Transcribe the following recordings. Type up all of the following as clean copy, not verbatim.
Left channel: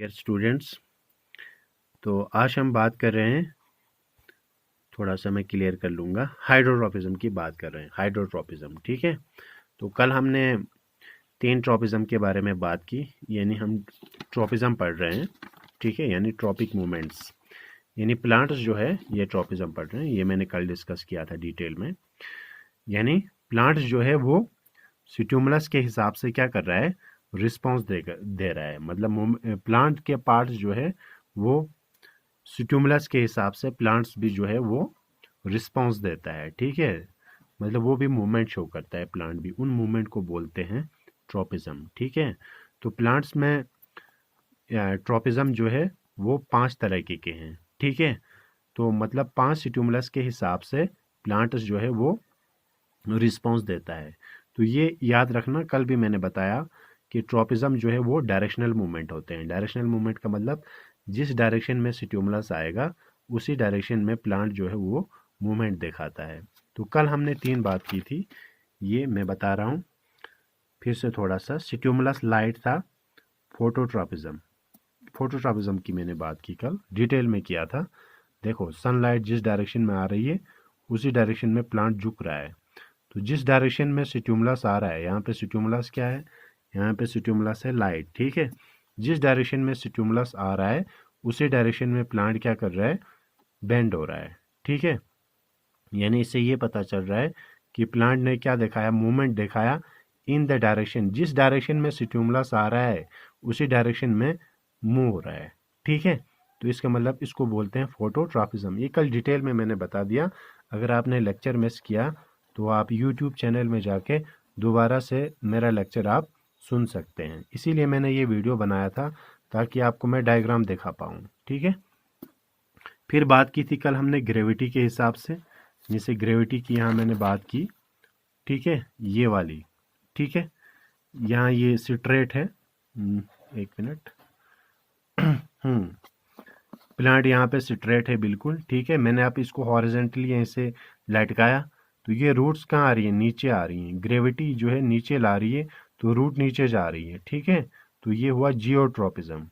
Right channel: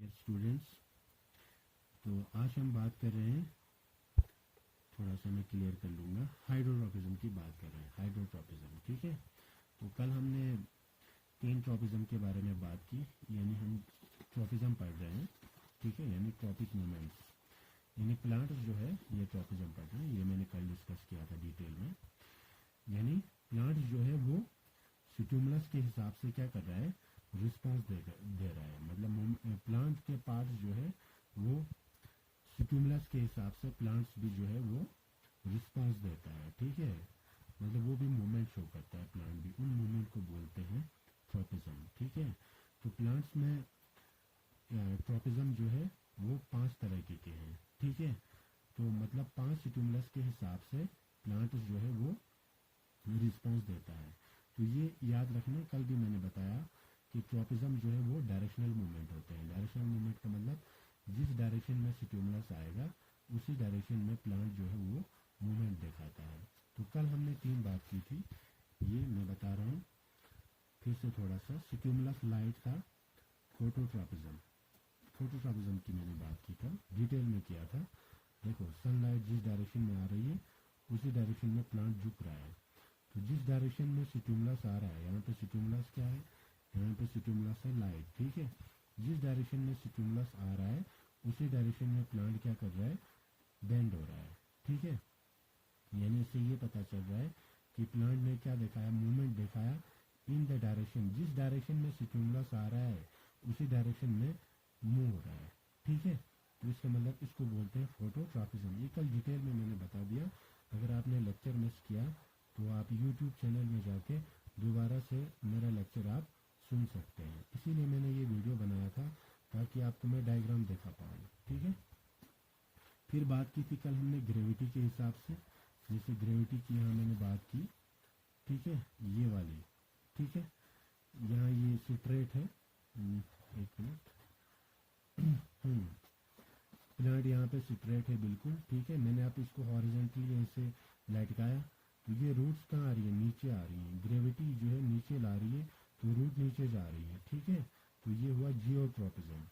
Dear students, तो आज हम बात कर रहे हैं, थोड़ा सा मैं क्लियर कर लूँगा, हाइड्रोट्रॉपिज्म की बात कर रहे हैं। हाइड्रोट्रॉपिज्म, ठीक है। तो कल हमने 3 ट्रॉपिज्म के बारे में बात की, यानी हम ट्रॉपिज्म पढ़ रहे हैं, ठीक है, यानी ट्रॉपिक मूवमेंट्स, यानी प्लांट्स जो है ये ट्रॉपिज्म पढ़ रहे हैं। ये मैंने कल डिस्कस किया था डिटेल में। यानी प्लांट्स जो है वो स्टिमुलस के हिसाब से क्या कर रहा है, रिस्पॉन्स दे रहा है। मतलब प्लांट के पार्ट्स जो है वो स्टिमुलस के हिसाब से प्लांट्स भी जो है वो रिस्पॉन्स देता है, ठीक है। मतलब वो भी मूवमेंट शो करता है, प्लांट भी। उन मूवमेंट को बोलते हैं ट्रॉपिज्म, ठीक है। तो प्लांट्स में ट्रॉपिज्म जो है वो 5 तरह के हैं, ठीक है। तो मतलब 5 स्टिमुलस के हिसाब से प्लांट्स जो है वो रिस्पॉन्स देता है। तो ये याद रखना, कल भी मैंने बताया कि ट्रॉपिज्म जो है वो डायरेक्शनल मूवमेंट होते हैं। डायरेक्शनल मूवमेंट का मतलब जिस डायरेक्शन में स्टिमुलस आएगा उसी डायरेक्शन में प्लांट जो है वो मूवमेंट दिखाता है। तो कल हमने 3 बात की थी, ये मैं बता रहा हूँ फिर से थोड़ा सा। स्टिमुलस लाइट था, फोटोट्रॉपिज्म। फोटोट्रॉपिज्म की मैंने बात की कल, डिटेल में किया था। देखो, सनलाइट जिस डायरेक्शन में आ रही है उसी डायरेक्शन में प्लांट झुक रहा है। तो जिस डायरेक्शन में स्टिमुलस आ रहा है, यहाँ पे स्टिमुलस क्या है, यहाँ पे स्टिमुलस है लाइट, ठीक है। जिस डायरेक्शन में स्टिमुलस आ रहा है उसी डायरेक्शन में प्लांट क्या कर रहा है, बेंड हो रहा है, ठीक है। यानी इससे ये पता चल रहा है कि प्लांट ने क्या दिखाया, मूवमेंट दिखाया इन द डायरेक्शन, जिस डायरेक्शन में स्टिमुलस आ रहा है उसी डायरेक्शन में मूव हो रहा है, ठीक है। तो इसका मतलब इसको बोलते हैं फोटोट्रॉपिज्म। ये कल डिटेल में मैंने बता दिया। अगर आपने लेक्चर मिस किया तो आप यूट्यूब चैनल में जाके दोबारा से मेरा लेक्चर आप सुन सकते हैं। इसीलिए मैंने ये वीडियो बनाया था ताकि आपको मैं डायग्राम दिखा पाऊँ, ठीक है। फिर बात की थी कल हमने ग्रेविटी के हिसाब से। जैसे ग्रेविटी की यहाँ मैंने बात की, ठीक है, ये वाली, ठीक है। यहाँ ये स्ट्रेट है, एक मिनट। हम्म प्लांट यहाँ पे स्ट्रेट है बिल्कुल, ठीक है। मैंने आप इसको हॉरिजेंटली ऐसे लटकाया तो ये रूट्स कहाँ आ रही है, नीचे आ रही हैं। ग्रेविटी जो है नीचे ला रही है तो रूट नीचे जा रही है, ठीक है। तो ये हुआ जियोट्रॉपिज्म।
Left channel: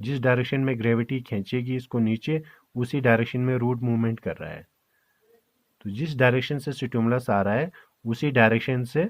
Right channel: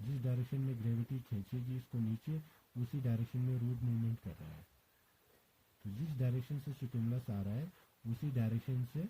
जिस डायरेक्शन में ग्रेविटी खींचेगी इसको नीचे, उसी डायरेक्शन में रूट मूवमेंट कर रहा है। तो जिस डायरेक्शन से स्टिमुलस आ रहा है उसी डायरेक्शन से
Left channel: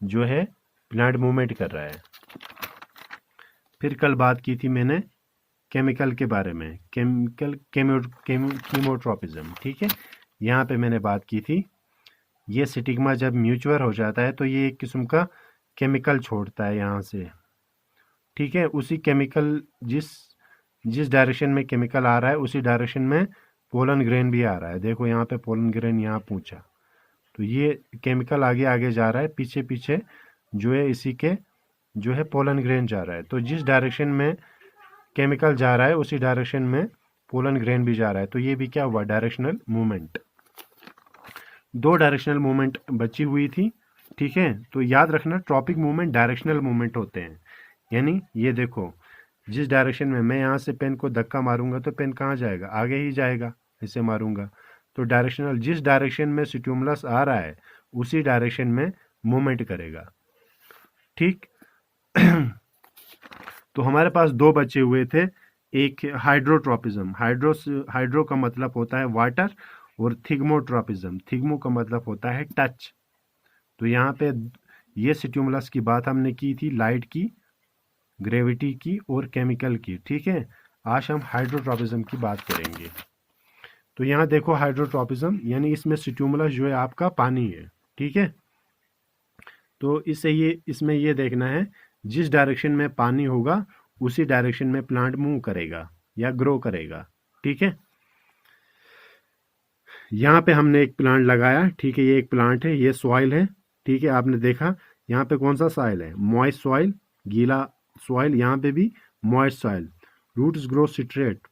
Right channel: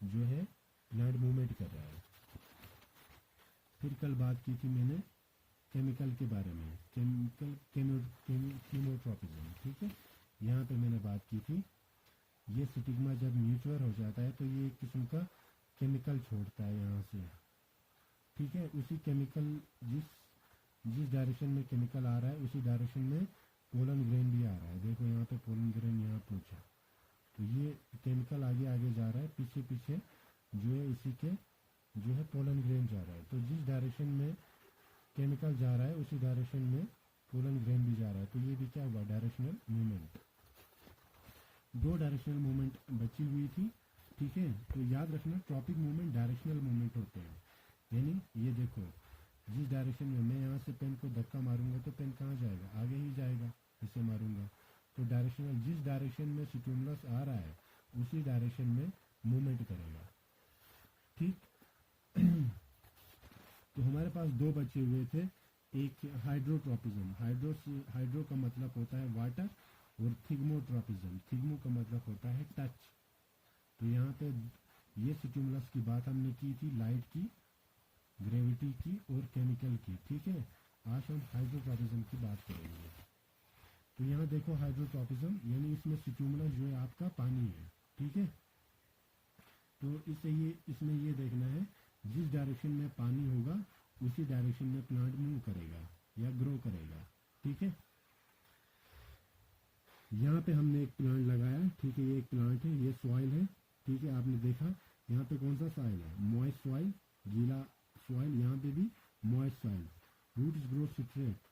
जो है प्लांट मूवमेंट कर रहा है। फिर कल बात की थी मैंने केमिकल के बारे में, केमिकल कीमोट्रॉपिज्म, ठीक है। यहाँ पे मैंने बात की थी, ये स्टिग्मा जब म्यूचुअर हो जाता है तो ये एक किस्म का केमिकल छोड़ता है यहाँ से, ठीक है। उसी केमिकल जिस जिस डायरेक्शन में केमिकल आ रहा है उसी डायरेक्शन में पोलन ग्रेन भी आ रहा है। देखो यहाँ पे पोलन ग्रेन यहाँ पूछा, तो ये केमिकल आगे आगे जा रहा है, पीछे पीछे जो है इसी के जो है पोलन ग्रेन जा रहा है। तो जिस डायरेक्शन में केमिकल जा रहा है उसी डायरेक्शन में पोलन ग्रेन भी जा रहा है। तो ये भी क्या हुआ, डायरेक्शनल मूवमेंट। 2 डायरेक्शनल मूवमेंट बची हुई थी, ठीक है। तो याद रखना, ट्रॉपिक मूवमेंट डायरेक्शनल मूवमेंट होते हैं। यानी ये देखो, जिस डायरेक्शन में मैं यहाँ से पेन को धक्का मारूंगा तो पेन कहाँ जाएगा, आगे ही जाएगा। इसे मारूंगा तो डायरेक्शनल, जिस डायरेक्शन में स्टिमुलस आ रहा है उसी डायरेक्शन में मूवमेंट करेगा, ठीक। तो हमारे पास 2 बचे हुए थे। एक हाइड्रोट्रॉपिज्म, हाइड्रो का मतलब होता है वाटर, और थिग्मोट्रॉपिज्म, थिग्मो का मतलब होता है टच। तो यहाँ पे ये स्टिमुलस की बात हमने की थी, लाइट की, ग्रेविटी की और केमिकल की, ठीक है। आज हम हाइड्रोट्रॉपिज्म की बात करेंगे। तो यहाँ देखो, हाइड्रोट्रॉपिज्म यानी इसमें स्टिमुलस जो है आपका पानी है, ठीक है। तो इसमें ये देखना है, जिस डायरेक्शन में पानी होगा उसी डायरेक्शन में प्लांट मूव करेगा या ग्रो करेगा, ठीक है। यहाँ पे हमने एक प्लांट लगाया, ठीक है। ये एक प्लांट है, ये सॉइल है, ठीक है। आपने देखा यहाँ पे कौन सा सॉइल है, मॉइस्ट सॉइल, गीला सॉइल। यहाँ पे भी moist soil. Roots grow straight,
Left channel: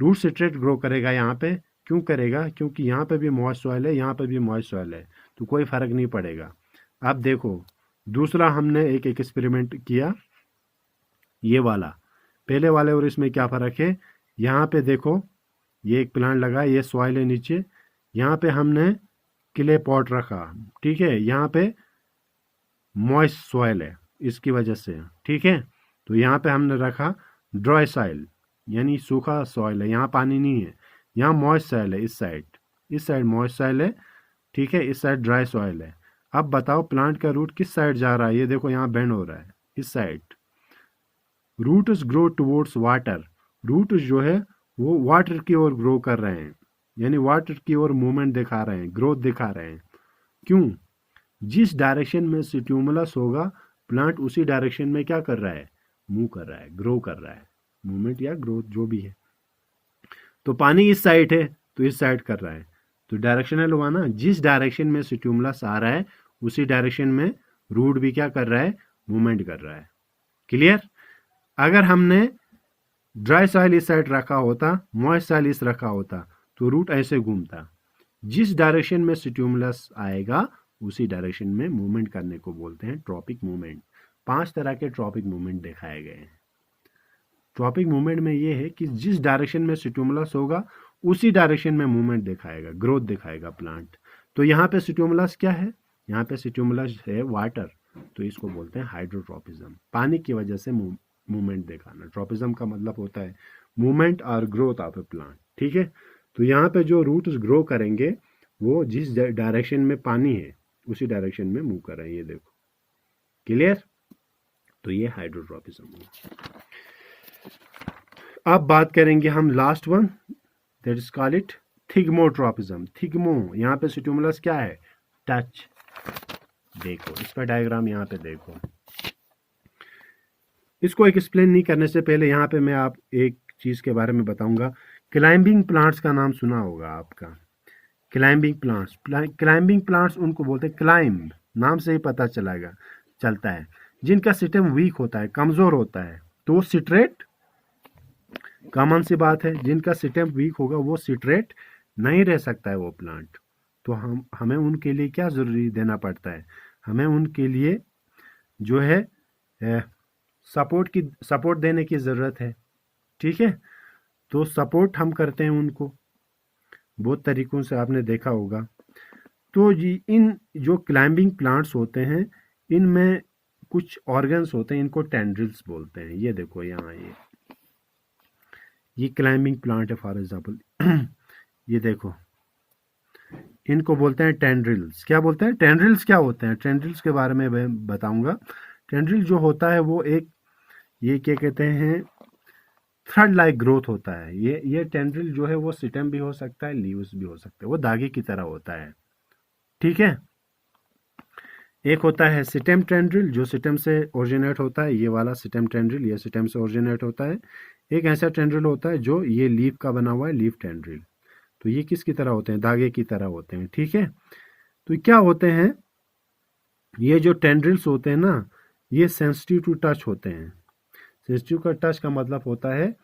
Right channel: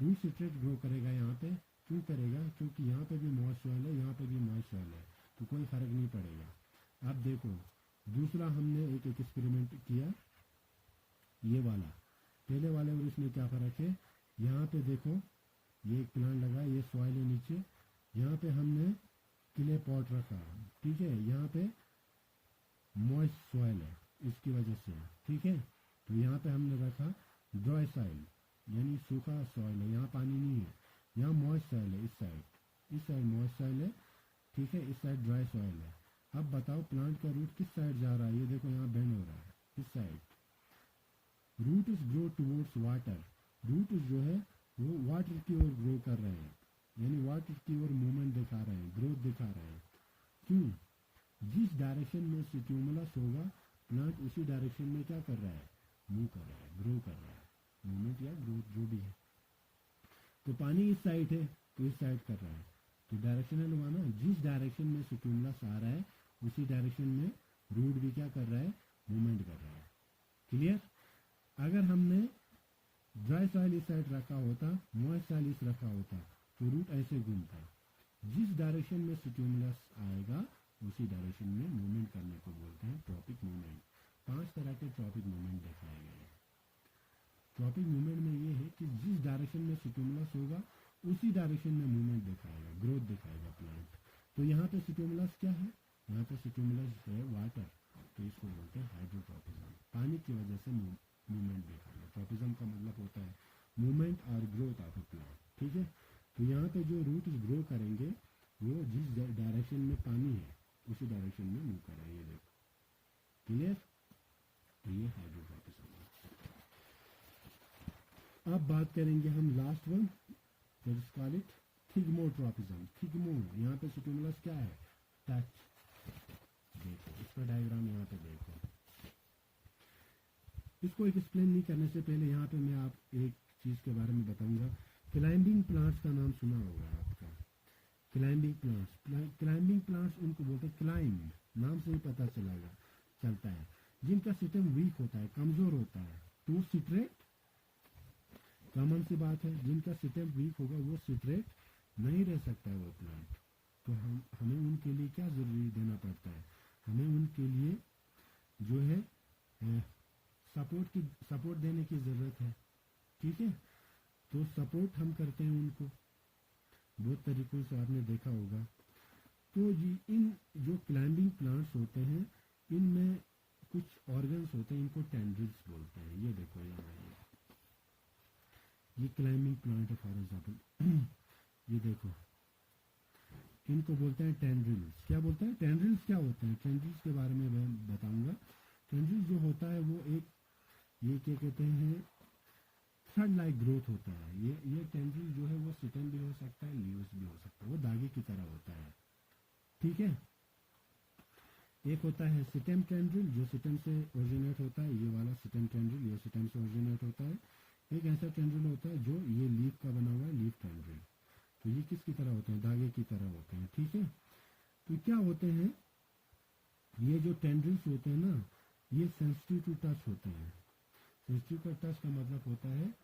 root straight grow करेगा यहाँ पे। क्यों करेगा, क्योंकि यहाँ पे भी मॉइस्ट सॉइल है, यहाँ पे भी मॉइस्ट सॉइल है, तो कोई फर्क नहीं पड़ेगा। अब देखो, दूसरा हमने एक एक्सपेरिमेंट किया, ये वाला। पहले वाले और इसमें क्या फ़र्क है, यहाँ पे देखो, ये एक प्लांट लगा, ये सॉइल है नीचे, यहाँ पे हमने क्ले पॉट रखा, ठीक है। यहाँ पे मॉइस्ट सॉइल है इसकी वजह से, ठीक है। तो यहाँ पे हमने रखा ड्राई सॉइल यानी सूखा सॉइल है, यहाँ पानी नहीं है। यहाँ मॉइस्ट सॉइल है, इस साइड मॉइस्ट सॉइल है, ठीक है, इस साइड ड्राई सॉइल है। अब बताओ प्लांट का रूट किस साइड जा रहा है, ये देखो यहाँ बेंड हो रहा है इस side. Roots grow towards water, root जो है वो वाटर की ओर ग्रो कर रहे हैं, यानी वाटर की ओर मूवमेंट दिखा रहे हैं, ग्रोथ दिखा रहे हैं। क्यों? जिस डायरेक्शन में स्टिमुलस होगा प्लांट उसी डायरेक्शन में क्या कर रहा है, मूव कर रहा है, ग्रो कर रहा है, मूवमेंट या ग्रोथ जो भी है। तो पानी इस साइड है तो इस साइड कर रहा है, तो डायरेक्शनल हुआ ना, जिस डायरेक्शन में स्टिमुलस आ रहा है उसी डायरेक्शन में रूट भी क्या कर रहा है, मूवमेंट कर रहा है। क्लियर? अगर हमने ड्राई सॉइल इस साइड रखा होता, मॉइस्ट सॉइल इस रखा होता, तो रूट ऐसे घूमता। जिस डायरेक्शन में स्टिमुलस आएगा उसी डायरेक्शन में मूवमेंट करने को बोलते हैं ट्रॉपिक मूवमेंट। 5 तरह के ट्रॉपिक मूवमेंट दिखाए गए हैं। ट्रॉपिक मूवमेंट में ये है कि जिस डायरेक्शन में स्टिमुलस होगा उसी डायरेक्शन में मूवमेंट दिखाएगा, ग्रोथ दिखाएगा प्लांट। तो यहाँ पे स्टिमुलस क्या है, यहाँ पे स्टिमुलस है वाटर, तो इसको बोलते हैं हाइड्रोट्रॉपिज्म। पानी की वजह से मूवमेंट दिखाना। ट्रॉपिज्म का मतलब होता है मूवमेंट और ग्रोथ ऑफ ए प्लांट, ठीक है। तो यहाँ पे जो रूट्स ग्रो करेंगे वो जिस डायरेक्शन में पानी है उसी डायरेक्शन में मूव कर रहे हैं, ये देखो। क्लियर? तो ये हाइड्रोट्रॉपिज्म हुआ। अब बात करेंगे हम last one, that is call it thigmotropism. Thigmo, यहाँ पे स्टिमुलस क्या है, टच। देखो इसका डायग्राम यहाँ पे देखो। इसको एक्सप्लेन नहीं करने से पहले यहाँ पे मैं आप एक चीज़ के बारे में बताऊंगा। क्लाइंबिंग प्लांट्स का नाम सुना होगा आपका। क्लाइंबिंग प्लांट्स, क्लाइंबिंग प्लांट्स उनको बोलते हैं, क्लाइंब नाम से ही पता चलता है, जिनका सिस्टम वीक होता है, कमज़ोर होता है। तो सिट्रेट, कॉमन सी बात है, जिनका सिस्टम वीक होगा वो सिट्रेट नहीं रह सकता है वो प्लांट। तो हमें उनके लिए क्या ज़रूरी देना पड़ता है, हमें उनके लिए जो है सपोर्ट देने की ज़रूरत है, ठीक है। तो सपोर्ट हम करते हैं उनको बहुत तरीक़ों से, आपने देखा होगा। तो इन जो क्लाइंबिंग प्लांट्स होते हैं इनमें कुछ ऑर्गन्स होते हैं, इनको टेंड्रिल्स बोलते हैं। ये देखो यहाँ ये क्लाइंबिंग प्लांट है फॉर एग्जांपल ये देखो, इनको बोलते हैं टेंड्रिल्स। क्या बोलते हैं, टेंड्रिल्स क्या होते हैं, टेंड्रिल्स के बारे में मैं बताऊंगा। टेंड्रिल जो होता है वो एक, ये क्या कहते हैं, थ्रेड लाइक ग्रोथ होता है। ये टेंड्रिल जो है वो स्टेम भी हो सकता है, लीव्स भी हो सकते हैं, वो धागे की तरह होता है, ठीक है। एक होता है स्टेम टेंड्रिल जो स्टेम से ओरिजिनेट होता है, ये वाला स्टेम टेंड्रिल, ये स्टेम से ओरिजिनेट होता है। एक ऐसा टेंड्रिल होता है जो ये लीफ का बना हुआ है, लीफ टेंड्रिल। तो ये किसकी तरह होते हैं, धागे की तरह होते हैं, ठीक है। तो क्या होते हैं, ये जो टेंड्रिल्स होते हैं ना, ये सेंसिटिव टू टच होते हैं। सेंसिटिव का टच का मतलब होता है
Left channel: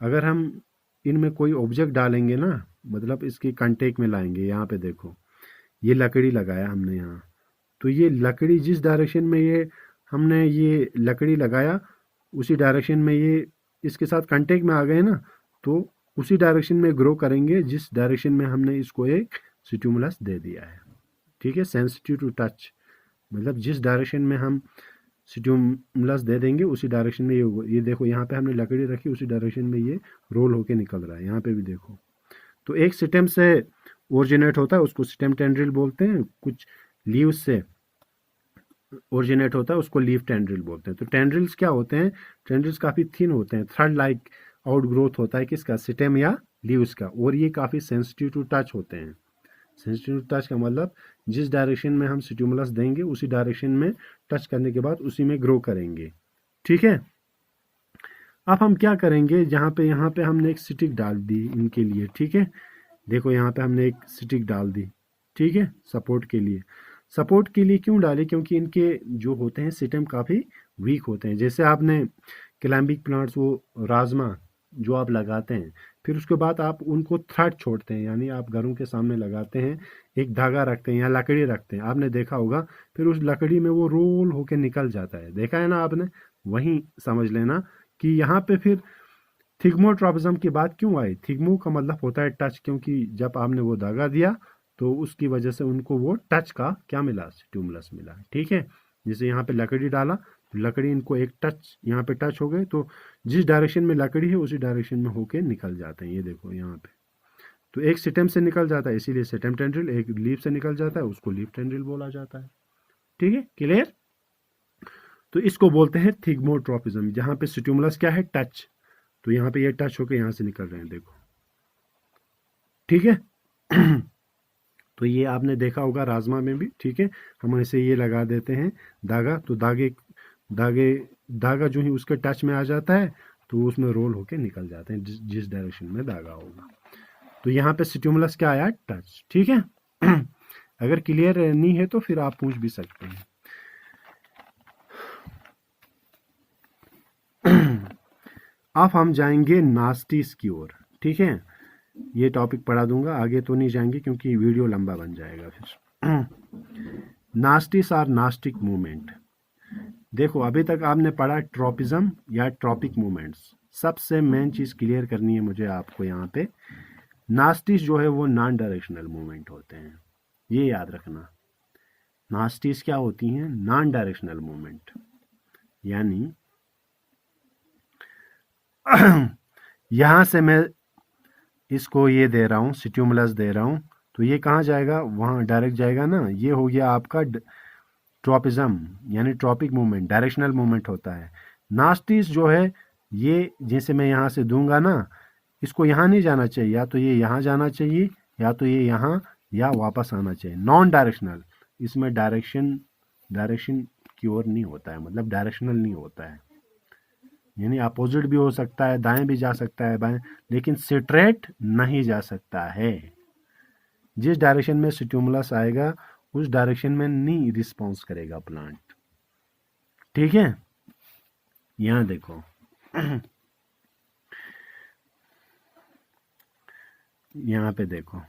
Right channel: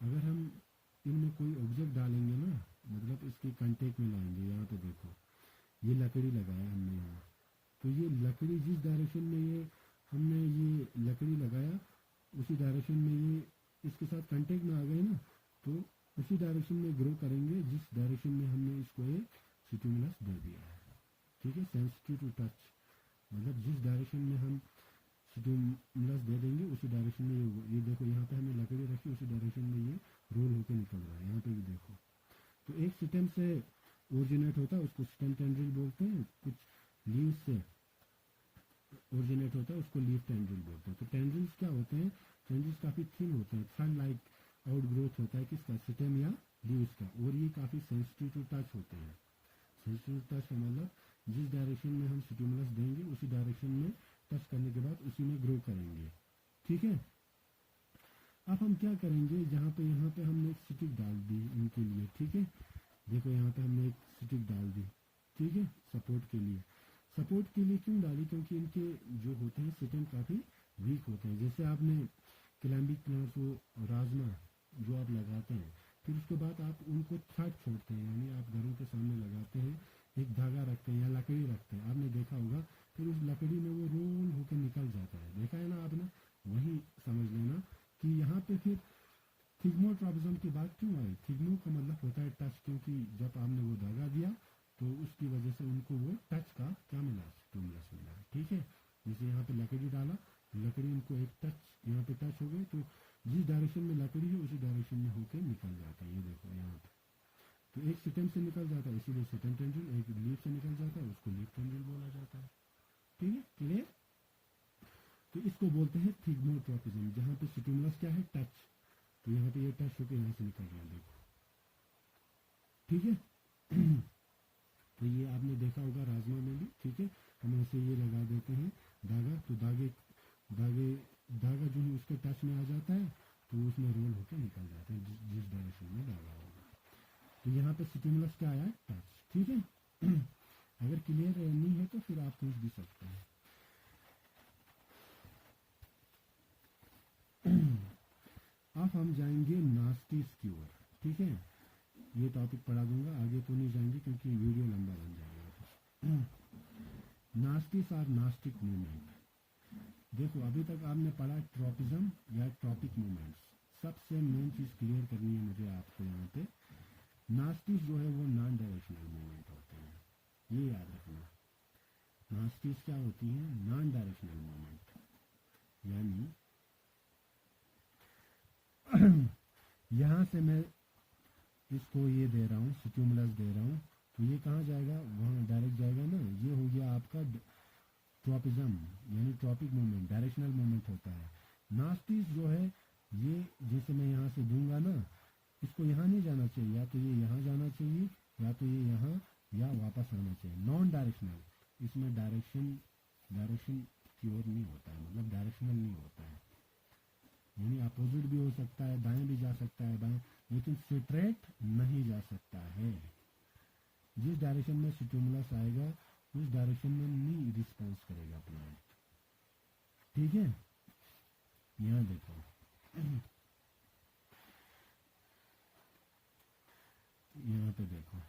अगर हम इनमें कोई ऑब्जेक्ट डालेंगे ना, मतलब इसके कांटेक्ट में लाएंगे, यहाँ पे देखो ये लकड़ी लगाया हमने यहाँ, तो ये लकड़ी जिस डायरेक्शन में ये हमने ये लकड़ी लगाया उसी डायरेक्शन में ये इसके साथ कांटेक्ट में आ गए ना, तो उसी डायरेक्शन में ग्रो करेंगे जिस डायरेक्शन में हमने इसको एक स्टिमुलस दे दिया है, ठीक है। सेंसिटिव टू टच मतलब जिस डायरेक्शन में हम स्टिमुलस दे देंगे उसी डायरेक्शन में ये देखो यहाँ पे हमने लकड़ी रखी, उसी डायरेक्शन में ये रोल होके निकल रहा है, यहाँ पे भी देखो। तो एक स्टेम से ओरिजिनेट होता है उसको स्टेम टेंड्रिल बोलते हैं, कुछ लीव्स से ओरिजिनेट होता है उसको लीफ टेंड्रिल बोलते हैं। तो टेंड्रिल्स क्या होते हैं, टेंड्रिल्स काफ़ी थिन होते हैं, थ्रेड लाइक आउट ग्रोथ होता है किसका, स्टेम या लीव्स का, और ये काफ़ी सेंसिटिव टू टच होते हैं। सेंसिटिव टू टच का मतलब जिस डायरेक्शन में हम स्टिमुलस देंगे उसी डायरेक्शन में टच करने के बाद उसी में ग्रो करेंगे, ठीक है। अब हम क्या करेंगे, यहाँ पे हमने एक स्टिक डाल दी इनके लिए, ठीक है। देखो यहाँ पे हमने एक स्टिक डाल दी, ठीक है, सपोर्ट के लिए। सपोर्ट के लिए क्यों डाली, क्योंकि इनके जो होते हैं सिस्टम काफ़ी वीक होते हैं। जैसे आपने क्लाइंबिंग प्लांट्स वो राजमा जो आप लगाते हैं, फिर उसके बाद आप उनको थ्रेड छोड़ते हैं, यानी आप घरों के सामने लगाते हैं, एक धागा रखते हैं या लकड़ी रखते हैं, आपने देखा होगा, फिर उस लकड़ी में वो रोल होके निकल जाता है, देखा है ना आपने। वहीं समझ लेना कि यहाँ पे फिर थिग्मोट्रॉपिज्म की बात क्यों आई। थिग्मो का मतलब होता है टच, क्योंकि जब आपने वो धागा दिया तो उसकी वजह से उनको वो टच का क्या मिला, स्टिमुलस मिला, ठीक है। जैसे यहाँ पे लकड़ी डाला लकड़ी इनको एक टच यहाँ पे टच हो गए तो जिस डायरेक्शन में लकड़ी है उसी डायरेक्शन में होके निकल जाते हैं। ये देखो यहाँ पे तो एक स्टेम से निकल जाता है, इसीलिए स्टेम टेंड्रिल। एक लीफ से निकल जाता है, उसको लीफ टेंड्रिल बोला जाता है। ठीक है, क्लियर। तो इसको बोलते हैं थिग्मोट्रोपिज्म, जहाँ पे स्टिमुलस क्या है, टच। तो यहाँ पे ये टच होकर यहाँ से निकल रहे हैं, देखो। ठीक है। तो ये आपने देखा होगा राजमा में भी। ठीक है, हम ऐसे ये लगा देते हैं धागा, तो धागे धागा जो ही उसके टच में आ जाता है तो उसमें रोल होके निकल जाते हैं जिस डायरेक्शन में धागा होगा। तो यहाँ पे स्टिमुलस क्या आया, टच। ठीक है। अगर क्लियर नहीं है तो फिर आप पूछ भी सकते हैं। अब हम जाएंगे नास्टीज की ओर। ठीक है, ये टॉपिक पढ़ा दूंगा, आगे तो नहीं जाएंगे क्योंकि वीडियो लंबा बन जाएगा फिर। नास्टिस और नास्टिक मूवमेंट। देखो अभी तक आपने पढ़ा ट्रॉपिज्म या ट्रॉपिक मूवमेंट्स। सबसे मेन चीज़ क्लियर करनी है मुझे आपको यहाँ पे, नास्टिस जो है वो नॉन डायरेक्शनल मूवमेंट होते हैं, ये याद रखना। नास्टिस क्या होती हैं, नॉन डायरेक्शनल मूवमेंट। यानी यहाँ से मैं इसको ये दे रहा हूँ, स्टिमुलस दे रहा हूँ, तो ये कहाँ जाएगा, वहाँ डायरेक्ट जाएगा ना। ये हो गया आपका ट्रॉपिज्म यानी ट्रॉपिक मूवमेंट, डायरेक्शनल मूवमेंट होता है। नास्टिस जो है ये, जैसे मैं यहाँ से दूंगा ना, इसको यहाँ नहीं जाना चाहिए, या तो ये यहाँ जाना चाहिए या तो ये यहाँ या वापस आना चाहिए। नॉन डायरेक्शनल, इसमें डायरेक्शन की ओर नहीं होता है, मतलब डायरेक्शनल नहीं होता है। यानी अपोजिट भी हो सकता है, दाएं भी जा सकता है, बाएं, लेकिन स्ट्रेट नहीं जा सकता है। जिस डायरेक्शन में स्टिमुलस आएगा उस डायरेक्शन में नहीं रिस्पॉन्स करेगा प्लांट। ठीक है, यहां देखो। यहाँ पे देखो,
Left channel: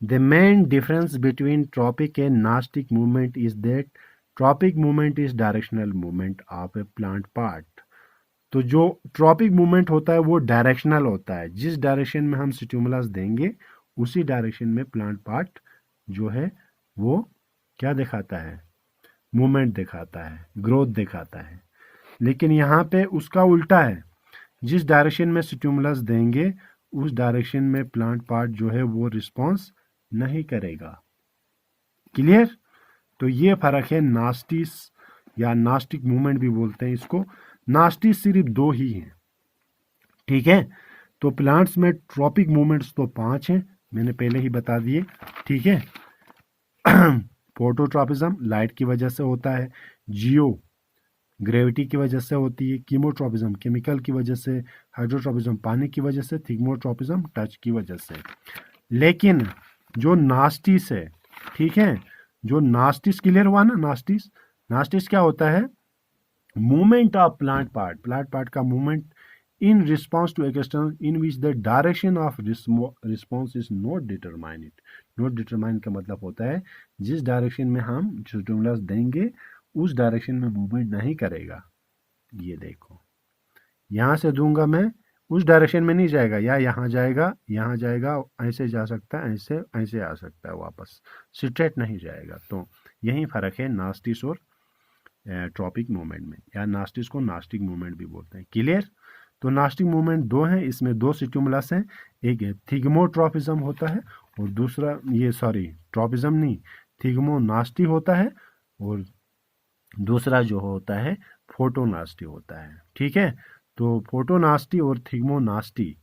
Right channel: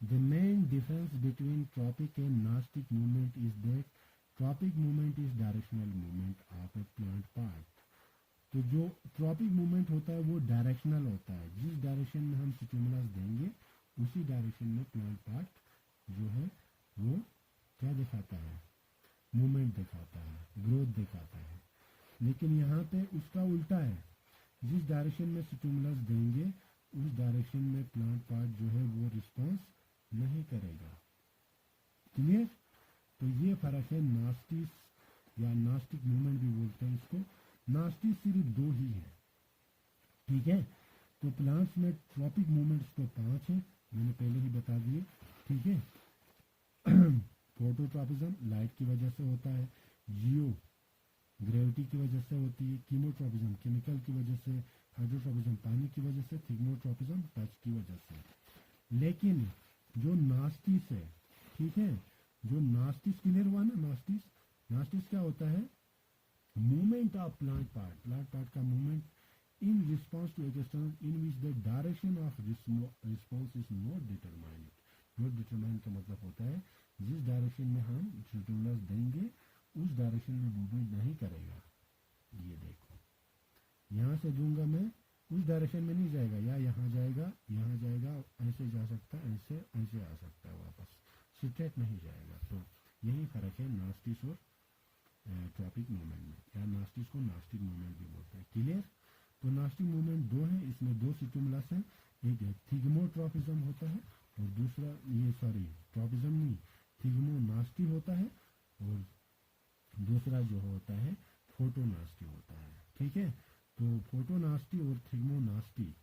the main difference between tropic and nastic movement is that tropic movement is directional movement of a plant part. तो जो ट्रॉपिक मूवमेंट होता है वो डायरेक्शनल होता है, जिस डायरेक्शन में हम स्टिमुलस देंगे उसी डायरेक्शन में प्लांट पार्ट जो है वो क्या दिखाता है, मूवमेंट दिखाता है, ग्रोथ दिखाता है। लेकिन यहाँ पे उसका उल्टा है, जिस डायरेक्शन में स्टिमुलस देंगे उस डायरेक्शन में प्लांट पार्ट जो है वो रिस्पॉन्स नहीं करेगा। क्लियर। तो ये फर्क है नास्टिस या नास्टिक मूवमेंट भी बोलते हैं इसको। नास्टिस सिर्फ दो ही हैं। ठीक है, तो प्लांट्स में ट्रॉपिक मूवमेंट्स तो 5 हैं, मैंने पहले ही बता दिए। ठीक है। फोटोट्रॉपिज्म लाइट की वजह से होता है, जियो ग्रेविटी की वजह से होती है, कीमोट्रॉपिज्म केमिकल की वजह से, हाइड्रोट्रॉपिज्म पानी की वजह से, थिग्मोट्रॉपिज्म टच की वजह से। लेकिन जो नास्टिस है, ठीक है, जो नास्टिस, क्लियर हुआ ना, नास्टिस, नास्टिस क्या होता है, मूवमेंट ऑफ प्लांट पार्ट का movement in response to external in which the direction of response is not determined. Not determined का मतलब होता है जिस डायरेक्शन में हम स्टिमुलस देंगे उस डायरेक्शन में मूवमेंट नहीं करेगा। ये देखो, यहाँ से दूंगा मैं, उस डायरेक्शन में नहीं जाएगा, या यहाँ जाएगा, ऐसे जा सकता है, ऐसे आ सकता है, वापस स्ट्रेट नहीं जाएगा। तो यही फर्क है नास्टिस और ट्रॉपिक मूवमेंट में, या नास्टिस को नास्टिक मूवमेंट भी बोलते हैं। क्लियर। तो नास्टिक मूवमेंट दो हैं, इसमें दो स्टिमुलस हैं, एक है थिग्मोट्रॉपिज्म होता है और दूसरा ट्रॉपिज्म नहीं, थिग्मोनास्टी होता है, और दूसरा जो होता है फोटोनास्टी होता है। ठीक है, तो फोटोनास्टी और थिग्मोनास्टी।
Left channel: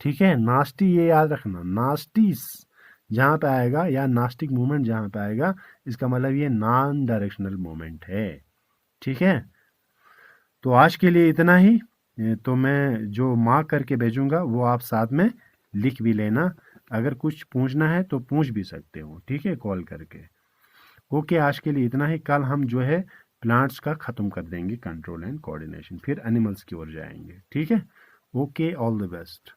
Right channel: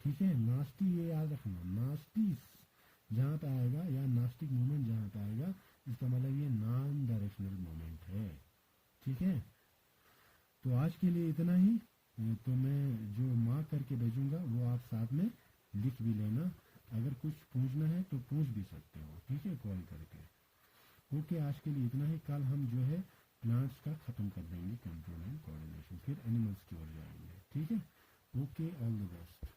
ठीक है, नास्टी ये याद रखना, नास्टिस जहाँ पे आएगा या नास्टिक मूवमेंट जहाँ पे आएगा, इसका मतलब ये नॉन डायरेक्शनल मूवमेंट है। ठीक है, तो आज के लिए इतना ही। तो मैं जो मार्क करके भेजूंगा वो आप साथ में लिख भी लेना, अगर कुछ पूछना है तो पूछ भी सकते हो। ठीक है, कॉल करके। ओके, आज के लिए इतना ही। कल हम जो है प्लांट्स का ख़त्म कर देंगे, कंट्रोल एंड कोऑर्डिनेशन, फिर एनिमल्स की ओर जाएंगे। ठीक है, ओके, ऑल द बेस्ट।